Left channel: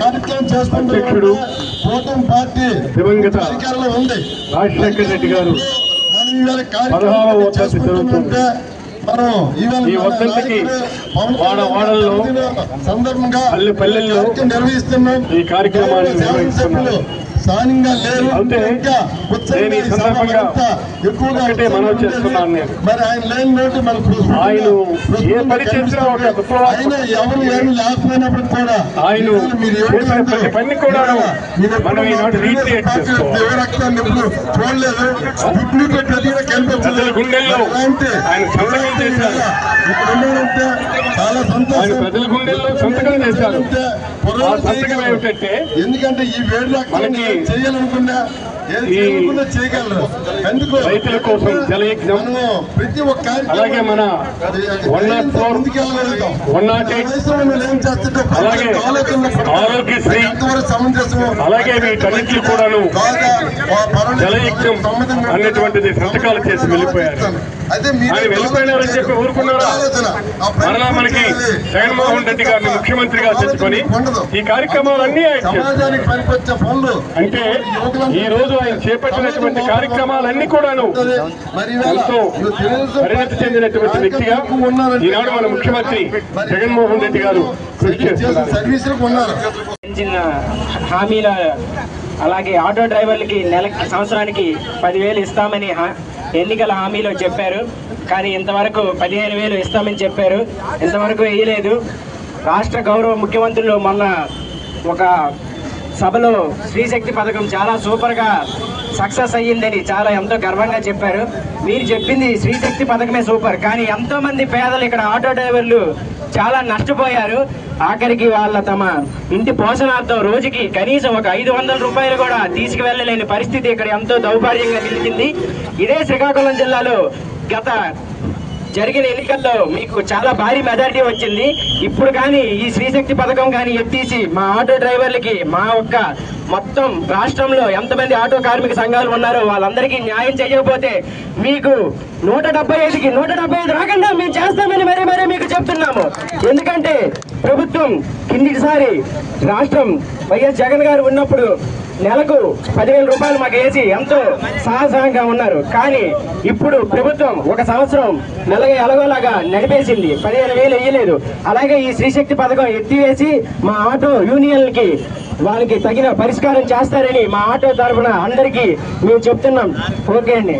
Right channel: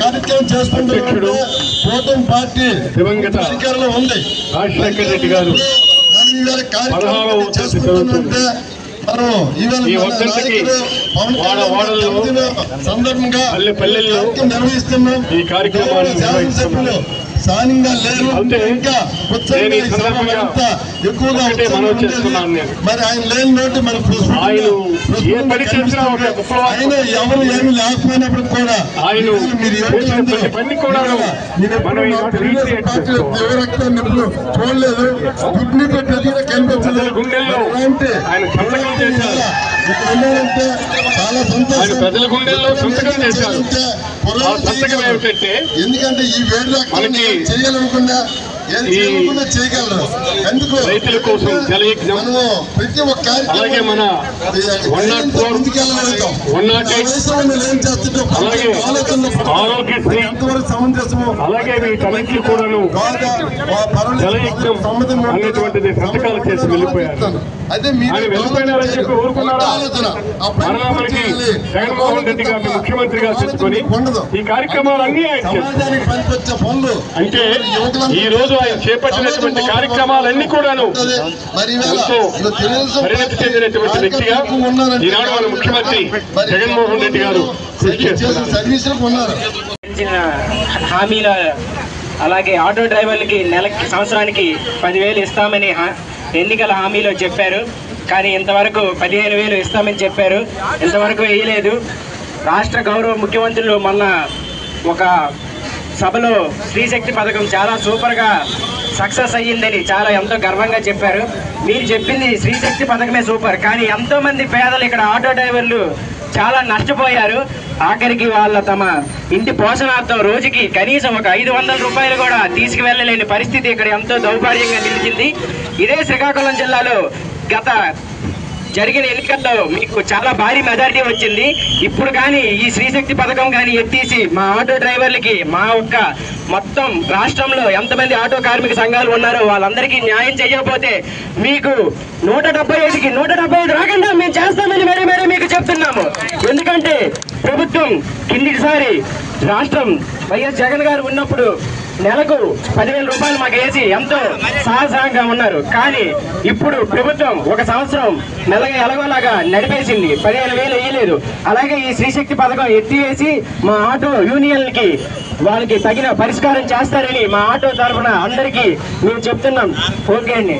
కార్యక్రమం చేసుకుంటున్నాడు కూటమి పార్టీ అధికారంలో ఉంది. రాజశేఖర రెడ్డి గారు కార్యక్రమం చేసుకుంటున్నారంటే మనం ఇవాళ సందర్భంగా నిర్వహిస్తున్నాం. ఈ కార్యక్రమాలు స్థానికంగా లేరు, ఇంకా ఎక్కువగా మరి ఆయన లేని నోటి మనకు ఆయన ఎవరు ఏమి లేకపోయినప్పుడు కూడా చూడలేదు. గుడ్ని పెట్టి కనిపించలేదు అంటే ఇక్కడ ఉన్నారంటే చాలా సంతోషం. ఎందుకంటే ఈ వేడిలో చేయాలనుకున్నా చేయగలరు. ఎందుకు రైతుల కోసం మనము ప్రతి ఒక్క కార్యక్రమం ముందుకెళ్ళగలుగుతాం. ఏం చేస్తుంటాం ఆరోగ్యశ్రీ సమంజసము అలాగే వీటన్నింటినీ కూడాను జలయజ్ఞం అనేటువంటిది సంతకాలు చేసి వెళ్ళిపోయారు. అదే వెళ్ళిపోయినారని చెప్పి ఊరుకున్నారా? మరలా మనకి జగన్మోహన్ రెడ్డి గారిని ముఖ్యమంత్రిగా తెచ్చుకొని ఈ కార్యక్రమాలన్నీ సమాజానికి పనికొచ్చే పనులు అంటే ఈ రోజు ఆయన చేపట్టినటువంటి కార్యక్రమాలన్నీ కూడాను ఎంతో పరిణతి చెందినటువంటి వ్యక్తిగా ఈనాడు మన ముఖ్యమంత్రి జగన్మోహన్ రెడ్డి గారు కృషి చేస్తున్నారు. హామీల అలాగే ఆటో డ్రైవర్లకి నెలకి సంవత్సరానికి 10,000 ఇస్తామని ఎన్నికల హామీలో చెప్పారు. కానీ ఇంతవరకు 15,000 ఇస్తామని చెప్పారు, ఇంతవరకు వేయలేదు. రాష్ట్ర గౌరవ ముఖ్యమంత్రులు మొన్న ఒక సభలో స్త్రీశక్తి పథకం చాలా సూపర్గా సక్సెస్ అయ్యిందని చాలా ఎంతో గర్వంగా చెప్పారు. మీరు చెప్పింది స్త్రీశక్తి పథకమే సూపర్, కానీ ఎంతోమంది పేదలు ఇక్కడ ఆటో డ్రైవర్లు చాలా నష్టపోయారు. ఆఖరికి వాళ్ళ తమ ఇంటి పోషణార్థం రోజుకి కనీసం ఒక 500 రూపాయలు కూడా తీసుకువెళ్ళలేని పరిస్థితి ఇక్కడ ఎంతో దౌర్భాగ్యంగా నిలిచింది. ఇదే శ్రీకాకుళం జిల్లాలో గత జరిగిన ఎన్నికల్లో మీకు చాలా భారీ మెజారిటీ వచ్చింది. ఇప్పుడు కానీ ఈ స్త్రీశక్తి పథకం కానీ ఎత్తేసి మా ఆటో డ్రైవర్లకి మా ఒక్క మొత్తం రాష్ట్రంలో ఎంతమంది ఆటో కార్మిక సంఘాలు ఉన్నారో వాళ్ళందరికీ న్యాయం చేయకపోతే మీకు 175కి 175 రాకుండా మేము చేస్తామని మరీ మీకు చెప్తున్నాము. ఎందుకంటే ప్రభుత్వం కిందిసారి రాష్ట్రం వైఎస్ జగన్ గారు ఉన్నప్పుడు నెలకు 10,000 రూపాయలు మాకు వేసి ఎంతో సాహసంగా ఉన్నారు. కానీ ఇప్పుడు ప్రభుత్వం ఒక సంవత్సరం నెలగా ఎలాగోలాగా నడిపేసింది, 15,000 వేయలేదు. అలాగే ఈ స్త్రీశక్తి పథకం ఎత్తివేసి మా ఆటో యూనియన్లకి వాళ్ళకి తగిన పరిష్కారం చేస్తారని మా ఆటో తరఫున అందరికీ మేము చెప్తున్నాం. ఓకే అండి.